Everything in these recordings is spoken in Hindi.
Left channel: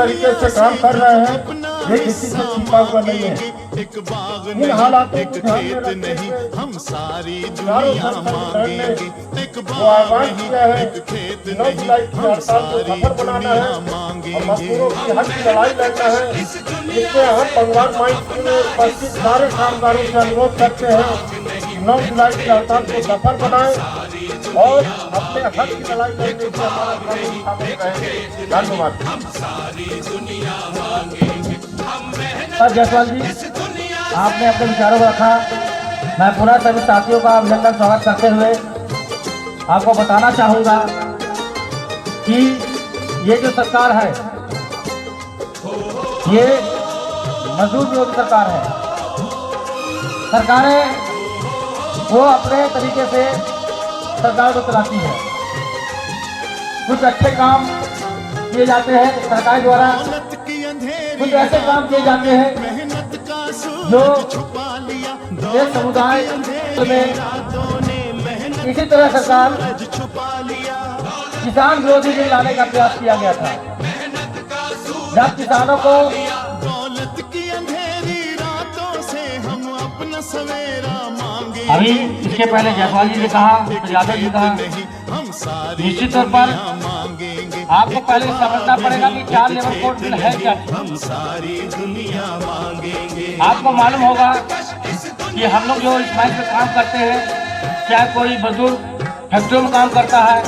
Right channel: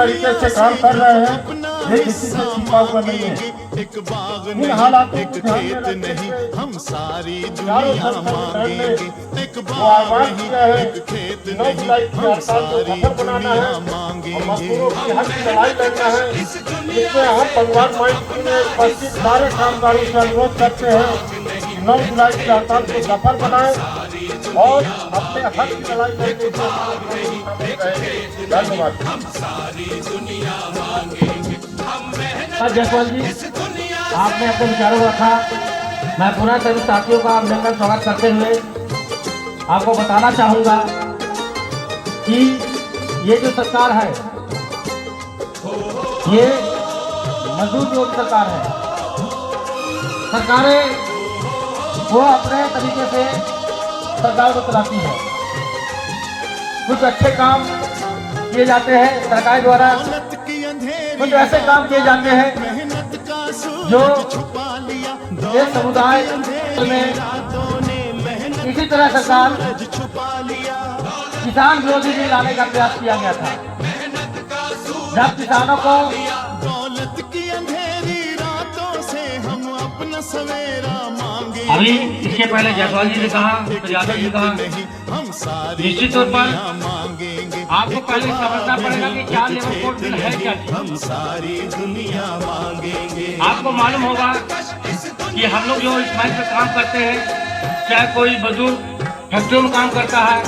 तरीके से काम कर रहे हैं, ये किसी से छिपा हुआ नहीं है। एक बाग नहीं, एक खेत नहीं, हम सारी दुनिया मांगेंगे। एक बाग नहीं, एक खेत नहीं, हम सारी दुनिया मांगेंगे। इसमें हम पंजाब माइंड में उपस्थित सारे कामगारों से अनुरोध करते हैं 9 जुलाई की हड़ताल को सफल बनाएं और अपने हक की लड़ाई करने के जयपाल जी, आपने अपने विचारों रखा। मैं पुनः सभी साथियों का अभिनंदन स्वागत करते हुए आपको बताना चाहूँगा कि ये जो सरकार है ये मजदूर विरोधी सरकार है। सरकारें वो अपने तरीके से सरकार को चलाती है। कुछ अच्छे काम किए जाते हैं सरकार द्वारा, कुछ ऐसे काम किए जाते हैं जो ये समुदाय में इसी तरह सरकार किसान विरोधी बिल लाने का प्रयास किया गया था। जब किसानों को अभी इसके पहले जयपाल जी ने कहा, यादव जी ने कहा, निश्चित तौर पर आपको पहले समझना पड़ेगा कि क्या लेबर कोड बिल है क्या। हम सारी दुनिया मांगेंगे। आपको मालूम होगा कि हम लोग जो इस माइल पे काम करते हैं, चाहे कोई मजदूर फैक्ट्रियों में काम करता है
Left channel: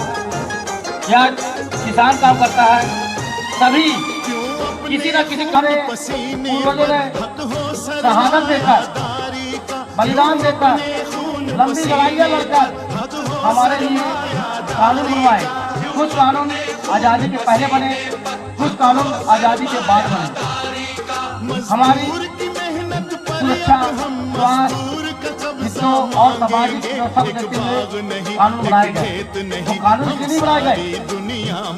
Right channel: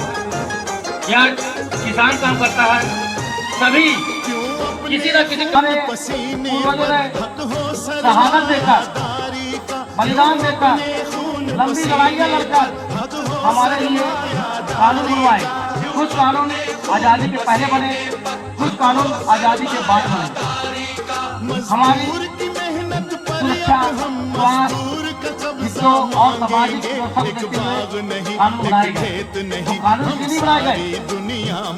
या किसान काम करता है, सभी किसी न किसी शहादत देकर, बलिदान देकर, लंबी लड़ाइयाँ लड़कर हमारे लिए कानून बनवाए। कुछ कानून आज़ादी के पहले बने, कुछ कानून आज़ादी के बाद बने। हमारी सुरक्षा, स्वास्थ्य और सामाजिक कानून बनाए गए। कानून क्यों नहीं बनाए गए?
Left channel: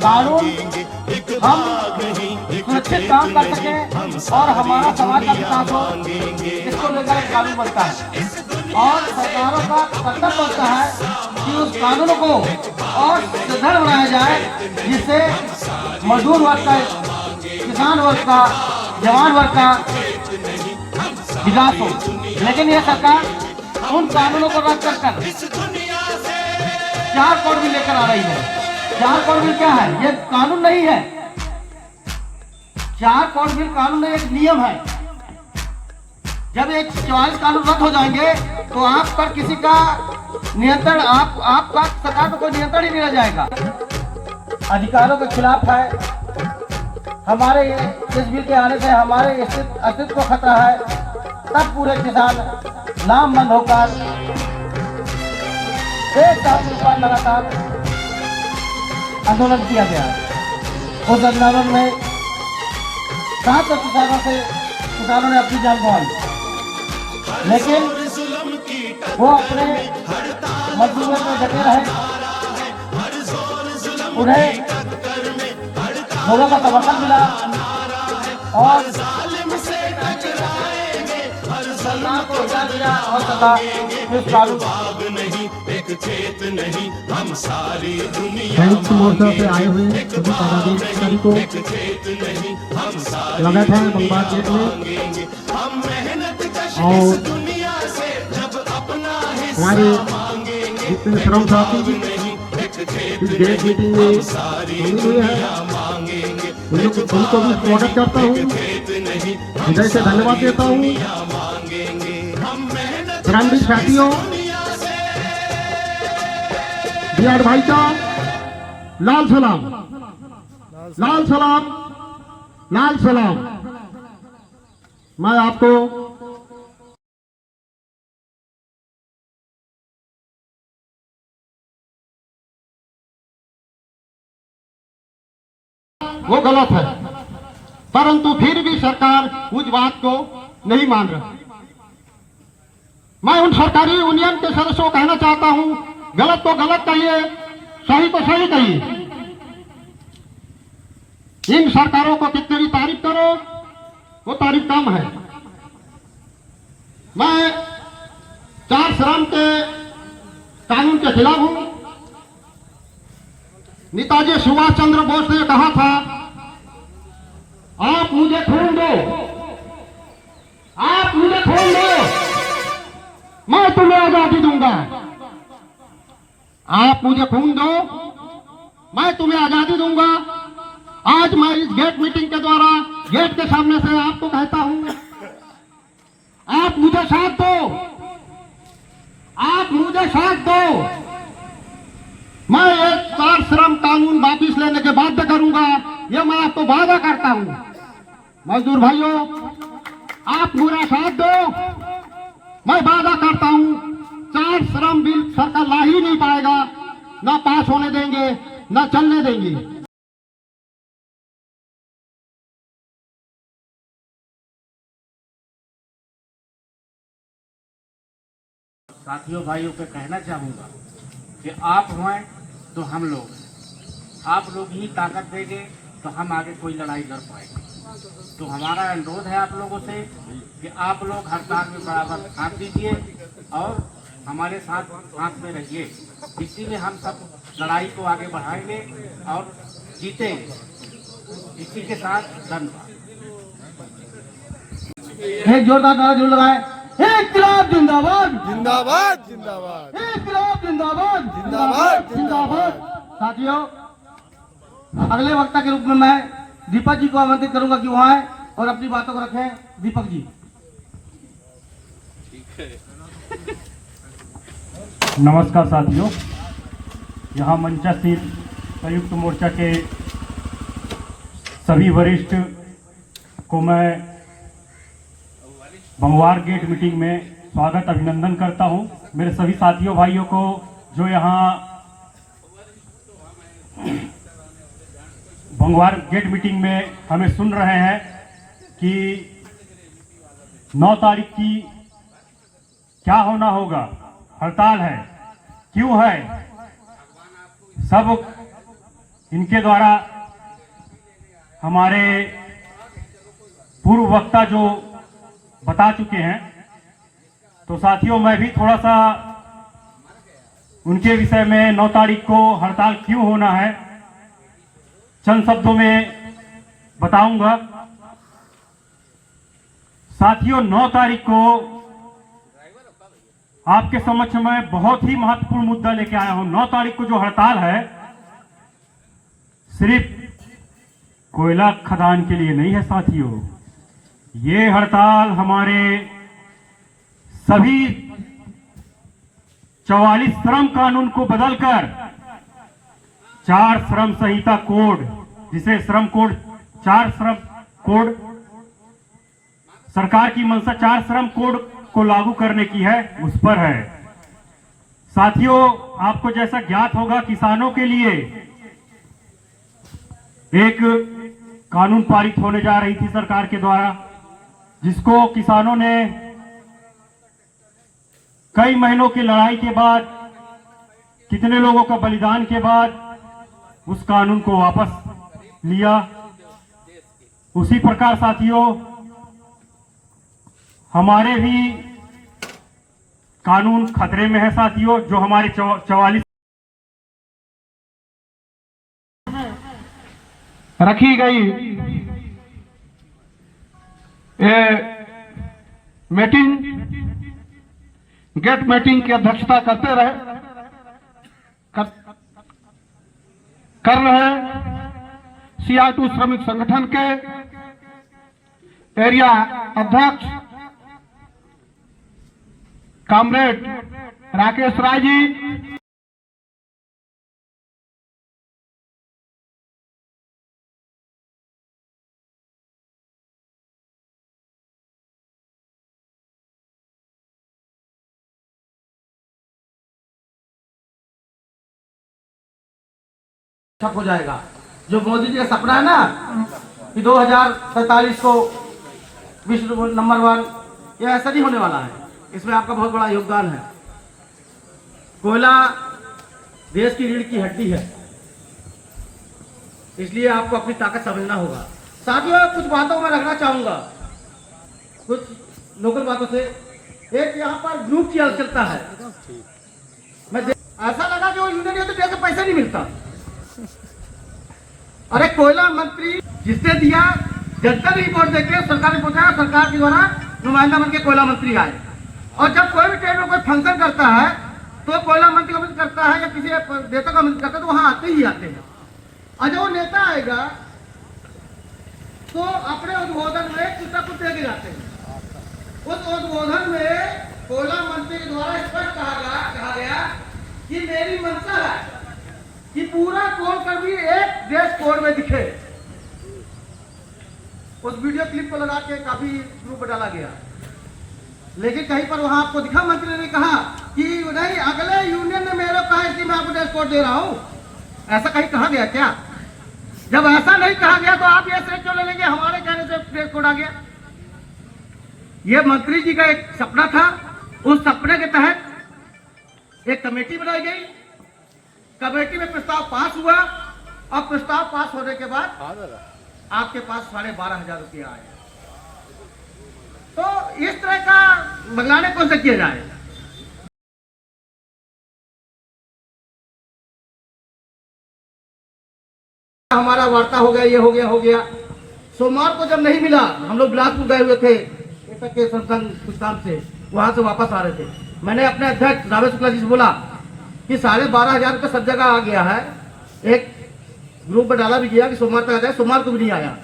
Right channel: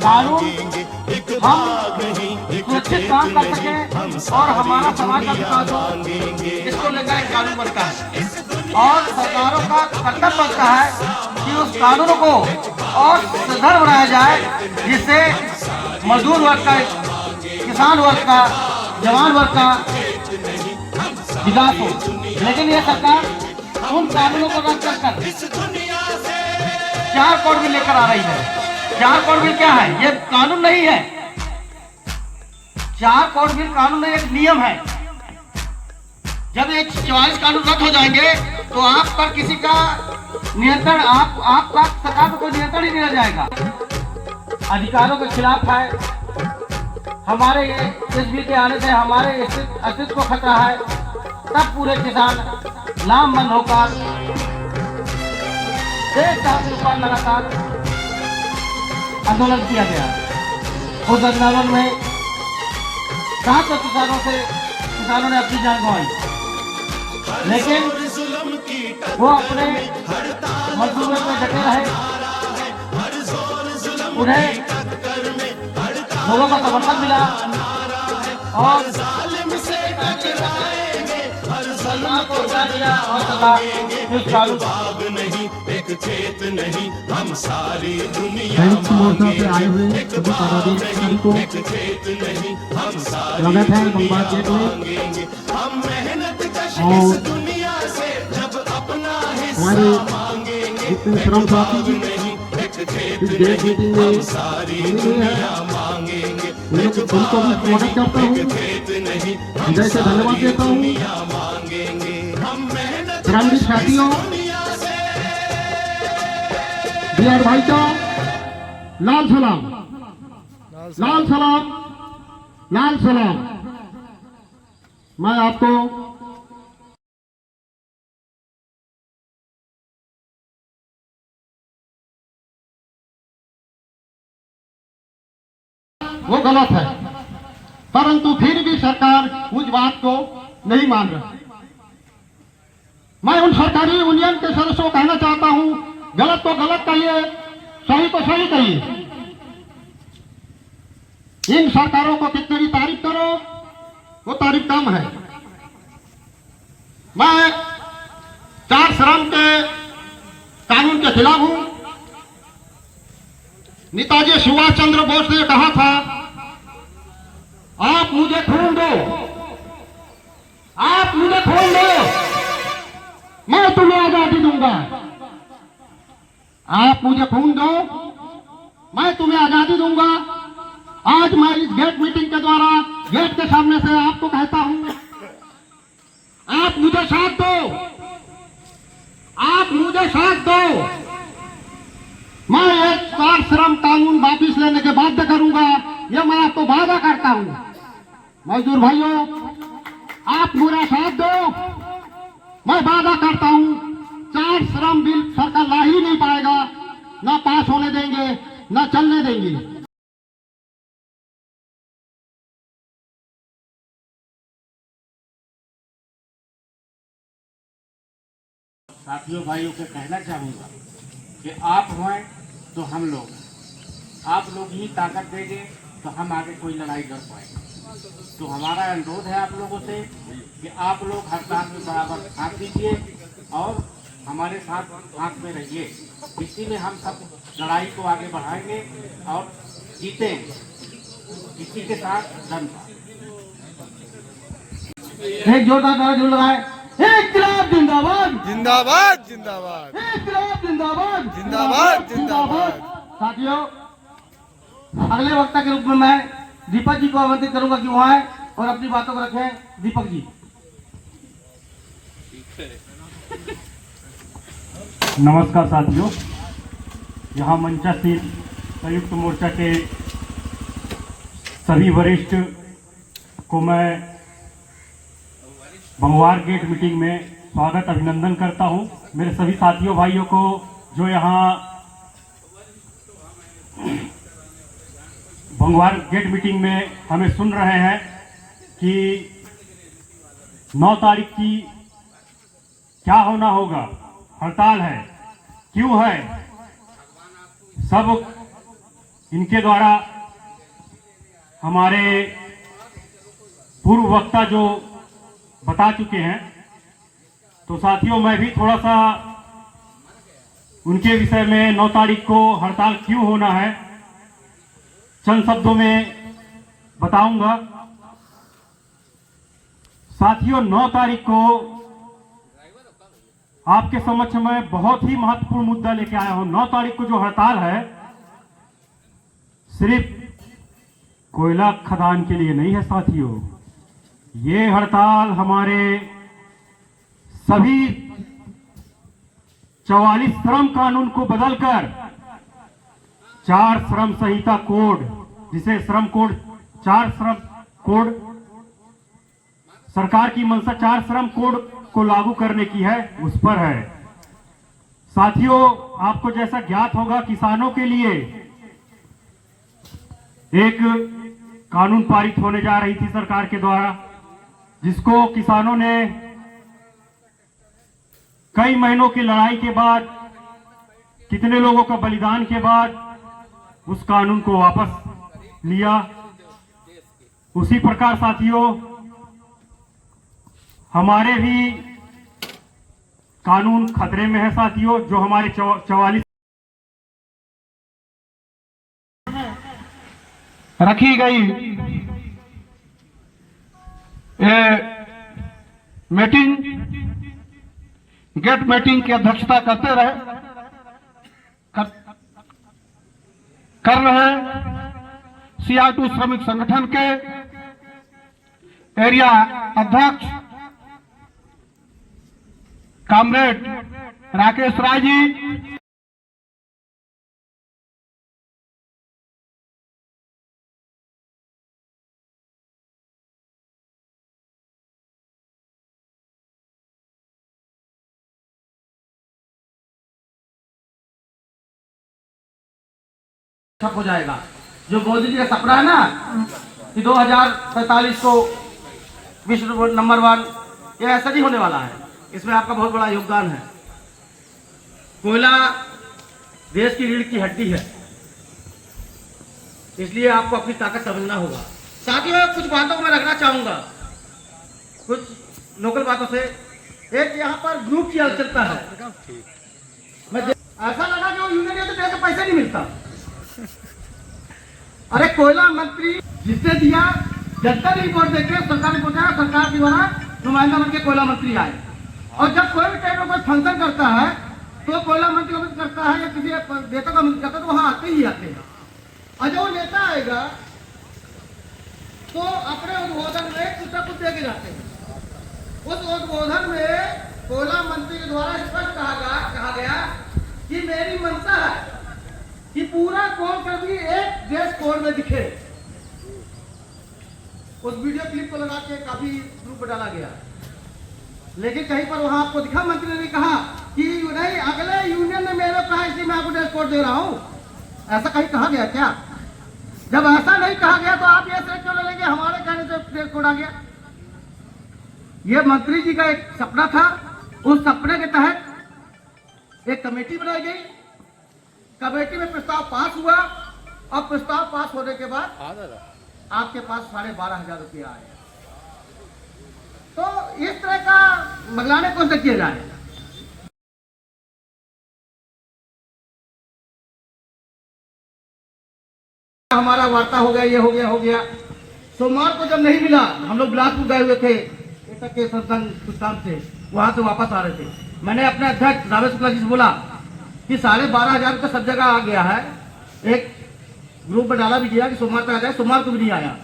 कानून हम सुरक्षित काम कर सकें और हमारा समाज का विकास हो, इसको लेकर कानून बनता है। और सरकारों का कर्तव्य बनता है कि उस कानून को और सुदृढ़ बनाया जाए, जिससे मजदूर वर्ग का, किसान वर्ग का, जवान वर्ग का विकास हो। लेकिन यह सरकार उन कानूनों को रद्द कर 4 कोड बिल लेकर आ रही है। 4 कोड बिल क्या है? ये कानून नहीं है। 4 कोड बिल कानून में एक नियम है। जब एक 44 कानून रद्द हो जाएंगे तो आप पर किसी का नियंत्रण, आपका सरकार को कोई नियंत्रण ही नहीं रह जाएगा। अधिकारों के खिलाफ है। हमारे इस बिल के आने से हमारे अस्तित्व को खतरा है। तब पूरे किसान लामबंद होकर देश का लगातार आंदोलन किया गया। उस आंदोलन में 700 किसानों ने अपनी जान गंवाई, लेकिन वो अपने मजदूरों में डटे रहे। उन्हें लोगों का समर्थन मिला और बाग नहीं, एक खेत नहीं, हम सारी दुनिया मांगेंगे। एक बाग नहीं, एक खेत नहीं, हम सारी दुनिया मांगेंगे। हम मेहनत कश इस दुनिया से जब अपना हिस्सा मांगेंगे। एक बाग नहीं, एक खेत नहीं, हम सारी दुनिया मांगेंगे। एक बाग नहीं, एक खेत नहीं, हम सारी दुनिया मांगेंगे। साथियों, बिहार भाई का लाल सलाम, लाल सलाम, लाल सलाम। मैं आपको वो गलत है, परंतु फिर भी सरकार उस बात को नहीं मान रही। मैं उन सरकारी यूनियन के सदस्यों को कहना चाहता हूं, गलत तो गलत कहिए, सही तो सही कहिए। इन सरकारों को कितनी तारीफ करो वो तारीफ कम है। मैं 4 श्रम के कानून के खिलाफ हूं। नेताजी सुभाष चंद्र बोस ने कहा था आप मुझे खून दो, आप मुझे खून दो, मैं तुम्हें आजादी दूंगा। आप मुझे खून दो, मैं तुम्हें आजादी दूंगा। आज मैं इस गेट मीटिंग के द्वारा गेट के सामने से आपको कहता हूं, आप मुझे साथ दो, आप मुझे साथ दो। मैं एक 4 श्रम कानून वापिस लेने के बाध्य करूंगा, यह मैं आपको वादा करता हूं। मजदूर भाइयों, आप मेरा साथ दो, मैं वादा करता हूं 4 श्रम बिल सरकार ला ही नहीं पाएगा, न पास होने देंगे न चलने देंगे। साथियों भाइयों को कहना चाहूँगा कि आप हैं तो हम लोग, आप लोग ही ताकत देंगे तो हम आगे कोई लड़ाई लड़ पाएंगे। तो हमारा अनुरोध है आप लोगों से कि आप लोग हड़ताल में बराबर साथ दीजिए और हमारे साथ में रहिए। इसी में हम सब लड़ाई को आगे बढ़ाएंगे और जीतेंगे। इसी के साथ धन्यवाद। एक जोरदार नारा जो लगाए, इनकलाब जिंदाबाद, जिंदाबाद जिंदाबाद, इनकलाब जिंदाबाद, जिंदाबाद जिंदाबाद। साथियों, अगले वक्ता के रूप में मैं दीपक जी को आमंत्रित करूंगा कि वो आए और अपनी बातों को रखें। दीपक जी। नमस्कार साथियों, यहाँ मंचासीन संयुक्त मोर्चा के सभी वरिष्ठ को मैं भंगवार गेट मीटिंग में स्वागत अभिनंदन करता हूं। मेरे सभी साथियों भाइयों को जो यहाँ भंगवार गेट मीटिंग में हमें सुन रहे हैं कि 9 तारीख की क्या होना होगा, हड़ताल है, क्यों है, सब इनके द्वारा हमारे पूर्व वक्ता जो बता चुके हैं। तो साथियों, मैं भी थोड़ा सा उनके विषय में 9 तारीख को हड़ताल क्यों होना है चंद शब्दों में बताऊंगा। साथियों, 9 तारीख को आपके समक्ष में बहुत ही महत्वपूर्ण मुद्दा लेके आया हूं। 9 तारीख को जो हड़ताल है सिर्फ कोयला खदान के लिए नहीं है साथियों, ये हड़ताल हमारे सभी 44 श्रम कानून को बदलकर 4 श्रम संहिता कोड, जिसे श्रम कोड 4 श्रम कोड, सरकार की मंशा 4 श्रम कोड को लागू करने की है, उस पर है। साथियों, आपको जैसा ज्ञात होगा, किसानों के लिए एक कानून पारित होने जा रही थी सरकार के द्वारा, जिसको किसानों ने कई महीनों की लड़ाई के बाद, कितने लोगों का बलिदान के बाद उस कानून को वापस लिया। उसी प्रकार साथियों, हमारे भी कानून खतरे में है साथियों, जो हमारे 44 रखी गई मीटिंग, गेट मीटिंग की अध्यक्षता करते रहे कर रहे CR2 श्रमिक संगठन के एरिया अध्यक्ष कामरेड राकेश राय जी, हो जाएगा। जो मोदी जी का सपना है ना कि 2045 को विश्व नंबर 1, ये ऐसा नहीं होने वाला है। इसमें आपका बहुत बड़ा योगदान है। कोयला देश की रीढ़ की हड्डी है, इसलिए आपको अपनी ताकत समझना होगा। साथियों, कुछ बातों में रखना चाहूंगा, कुछ लोकल बातों से। एक यहाँ पर ग्रुप चलता है, ऐसा लगा कि वो यूनियन तो कैसे पैसे नहीं मिलता। अरे कोयला मंत्री जिसने दिया जनता ने वोट देके सरकार ने पूछा, सरकार के द्वारा नुमाइंदा बन के कोयला मंत्री आए। और जब कोई भी टाइम में कोई फंक्शन करता है तो कोयला मंत्री का करता है या किसी नेता का मंत्री करता है तो वहां आते ही आते हैं। और जब वो नेता आएगा तो अपने उद्बोधन में कुछ न कुछ देके जाते हैं। उस उद्बोधन में कोयला मंत्री के द्वारा स्पष्ट कहा गया कि मेरी मंशा है कि पूरा कोलकर्मी एक देश कोड में दिखे। उस वीडियो क्लिप को लगा के काफी ग्रुप में डाला गया, लेकिन कहीं पर वहां आपको दिखा मंत्री ने कहा कि नहीं, अगले यूनियन ने मेरा कहा इसलिए मैं आपको ड्रेस कोड दे रहा हूं। ऐसा कहीं कहा गया क्या? जब ऐसा नहीं कहा गया तो आप ये से क्यों ले लेंगे? हमारे कहने से ड्रेस कोड आ गया। ये मंत्री जी का एक सपना था। उस सपने के तहत एक कमेटी बनाई गई। कमेटी में प्रस्ताव पास हुआ और प्रस्ताव पास होने के बाद आपके पास 12,500 रुपया आए। तो इस तरह का मंगलाने कौन से किया जाए? हमारा वार्ता हो गया, ये हो गया। सोमवार को जब नहीं मिला, हम लोग बिलासपुर गए हुए थे के संस्थान से, वहां से वापस आ रहे थे। मैंने अपने अध्यक्ष रामेश शुक्ला जी से बोला कि 12,500 रुपये सब जगह आ गया है। एक ग्रुप में डाला भी गया कि सोमवार तक आ जाए, सोमवार को भी नहीं आया।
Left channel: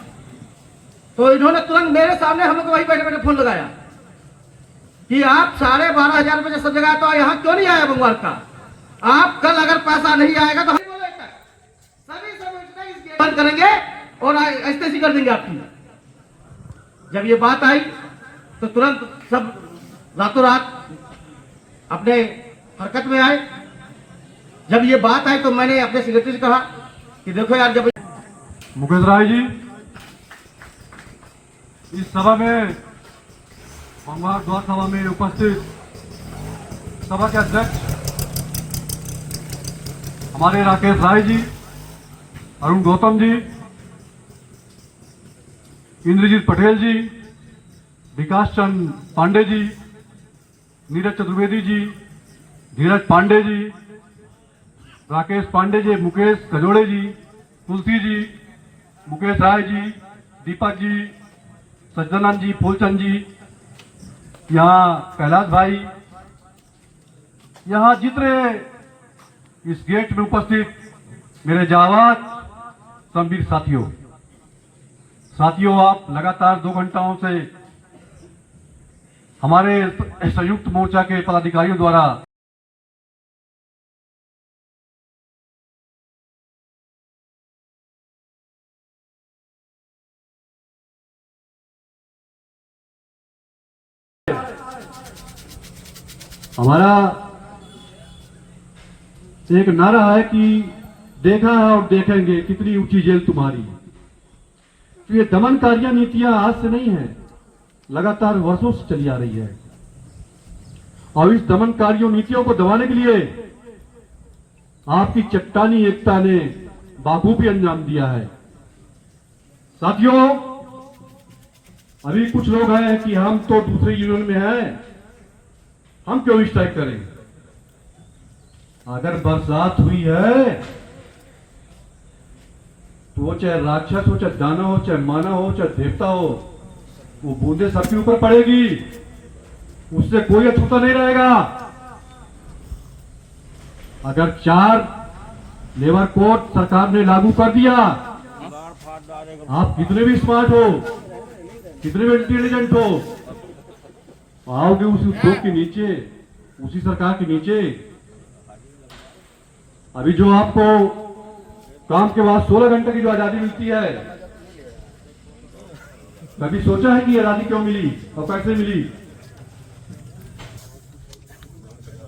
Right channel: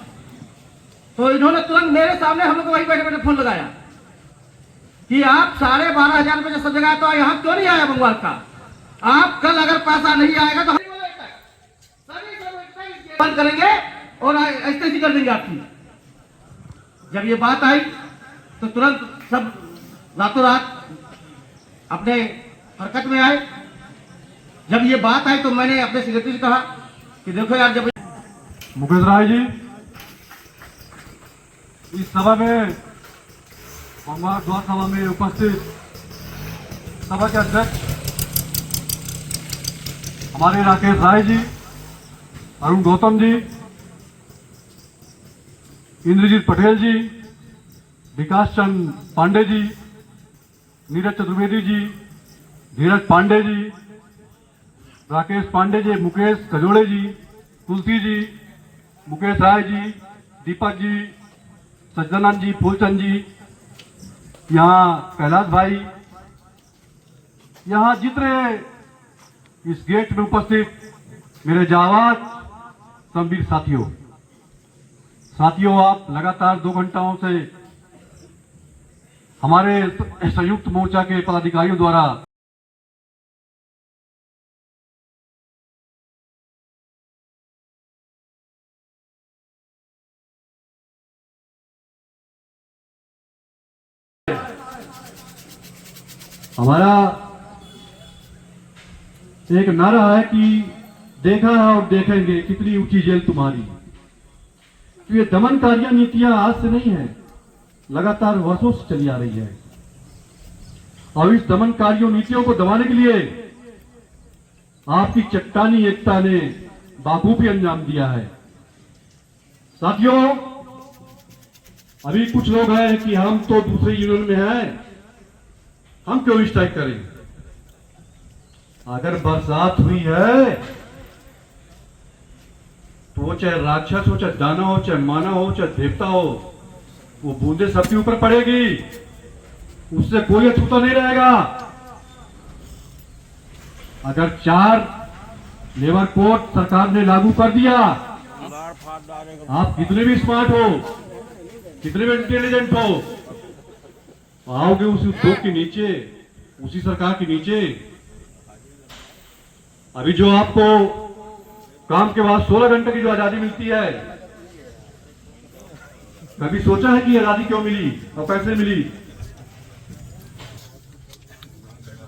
तो इन्होंने तुरंत मेरे सामने हम लोग को वही बैठे बैठे फोन लगाया कि आप 12,500 रुपये सब जगह तो यहाँ क्यों नहीं आया मंगलवार का? आप कल अगर पैसा नहीं आएगा तो सभी बंद करेंगे और ऐसे कर देंगे आपकी। जब ये बात आई तो तुरंत सब रातों रात अपने हरकत में आए। जब ये बात आई तो मैंने अपने सेक्रेटरी से कहा कि देखो यार, जब मुकेश राय जी इस सभा में, मंगलवार द्वार सभा में उपस्थित सभा के अध्यक्ष हमारे राकेश राय जी, अरुण गौतम जी, इंद्रजीत पटेल जी, विकास चंद पांडे जी, नीरज चतुर्वेदी जी, धीरज पांडे जी, राकेश पांडे जी, मुकेश गजोड़े जी, तुलसी जी, मुकेश राय जी, दीपक जी, सज्जनानंद जी, फूलचंद जी, यहाँ कैलाश भाई, यहाँ जितने इस गेट में उपस्थित मेरे जावाज संवीर साथियों, आप लगातार 2 घंटाओं से हमारे संयुक्त मोर्चा के पदाधिकारियों द्वारा हमारा एक नारा है कि देखा और देखेंगे कितनी ऊंची जेल तुम्हारी। तो ये दमनकारियां नीतियां आज से नहीं है, लगातार वर्षों से चली आ रही है। और इस दमनकारियों नीतियों को दबाने के लिए आपकी चट्टानी एकता ने बाखूबी अंजाम दिया है। साथियों, अभी कुछ लोग हैं कि हम तो दूसरे यूनियन में हैं, हम क्यों स्ट्राइक करें? अगर बरसात हुई है तो वो चाहे राक्षस हो, चाहे दानव हो, चाहे मानव हो, चाहे देवता हो, वो बूंदे सबके ऊपर पड़ेगी, उससे कोई अछूता नहीं रहेगा। अगर 4 लेबर कोड सरकार ने लागू कर दिया, आप कितने भी स्मार्ट हो, कितने भी इंटेलिजेंट हो, आओगे उस उद्योग के नीचे, उसी सरकार के नीचे। अभी जो आपको काम के बाद 16 घंटे की जो आजादी मिलती है, कभी सोचा है कि आजादी क्यों मिली और कैसे मिली?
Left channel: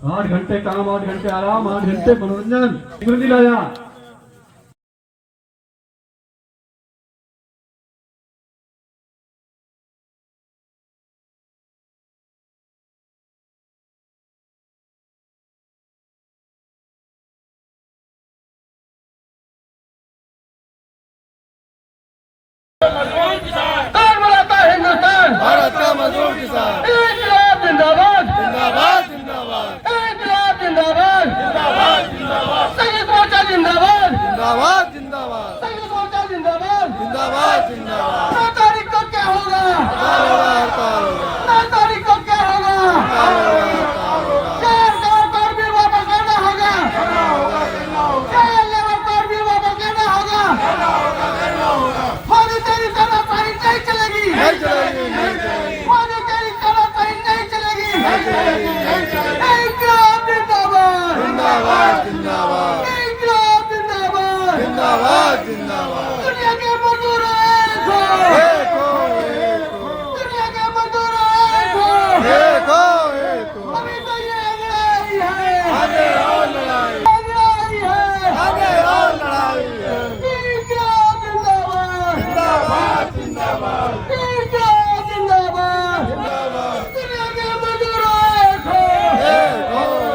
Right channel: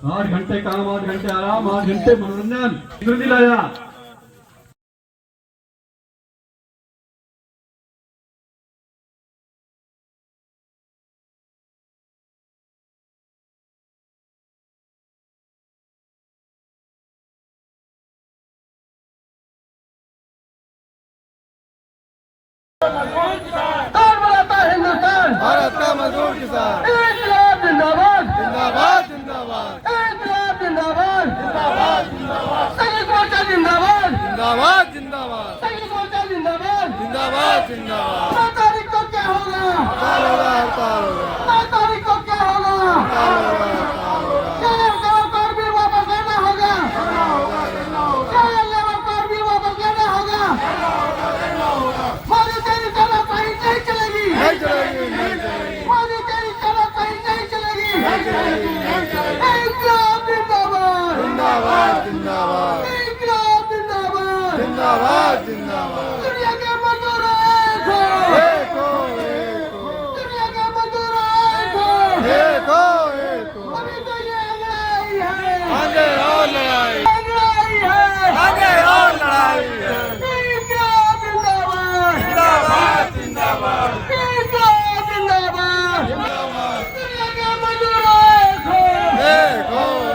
8 घंटे काम, 8 घंटे आराम, 8 घंटे मनोरंजन, किधर नहीं लाया? हिंदुस्तान, भारत का मजदूर किसान इंकलाब जिंदाबाद, जिंदाबाद जिंदाबाद इंकलाब जिंदाबाद, जिंदाबाद जिंदाबाद संयुक्त मोर्चा जिंदाबाद, जिंदाबाद जिंदाबाद संयुक्त मोर्चा जिंदाबाद, जिंदाबाद जिंदाबाद 9 तारीख हड़ताल होगा 9 तारीख को क्या होगा? हड़ताल होगा लेबर कोड भी वापस लेना होगा। लेबर कोड भी वापस लेना होगा। मोदी तेरी तानाशाही नहीं चलेगी। नहीं चलेगी नहीं चलेगी मोदी तेरी तानाशाही नहीं चलेगी। इंकलाब जिंदाबाद। जिंदाबाद जिंदाबाद इंकलाब जिंदाबाद। जिंदाबाद जिंदाबाद दुनिया के मजदूर एक हो। एक हो एक हो दुनिया के मजदूर एक हो। एक हो एक हो अभी तो ये लड़ाई है। आगे और लड़ाई लड़ाई है। आगे और लड़ाई है इंकलाब जिंदाबाद। जिंदाबाद जिंदाबाद इंकलाब जिंदाबाद। दुनिया के मजदूर एक हो।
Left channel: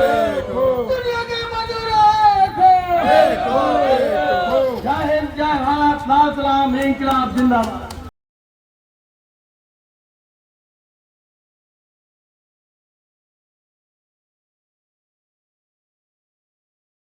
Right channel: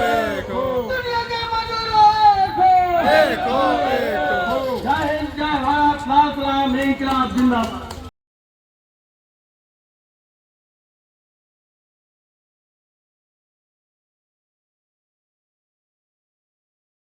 एक हो दुनिया के मजदूर एक हो। एक हो एक हो जय हिंद, जय भारत, लाल सलाम, इंकलाब जिंदाबाद।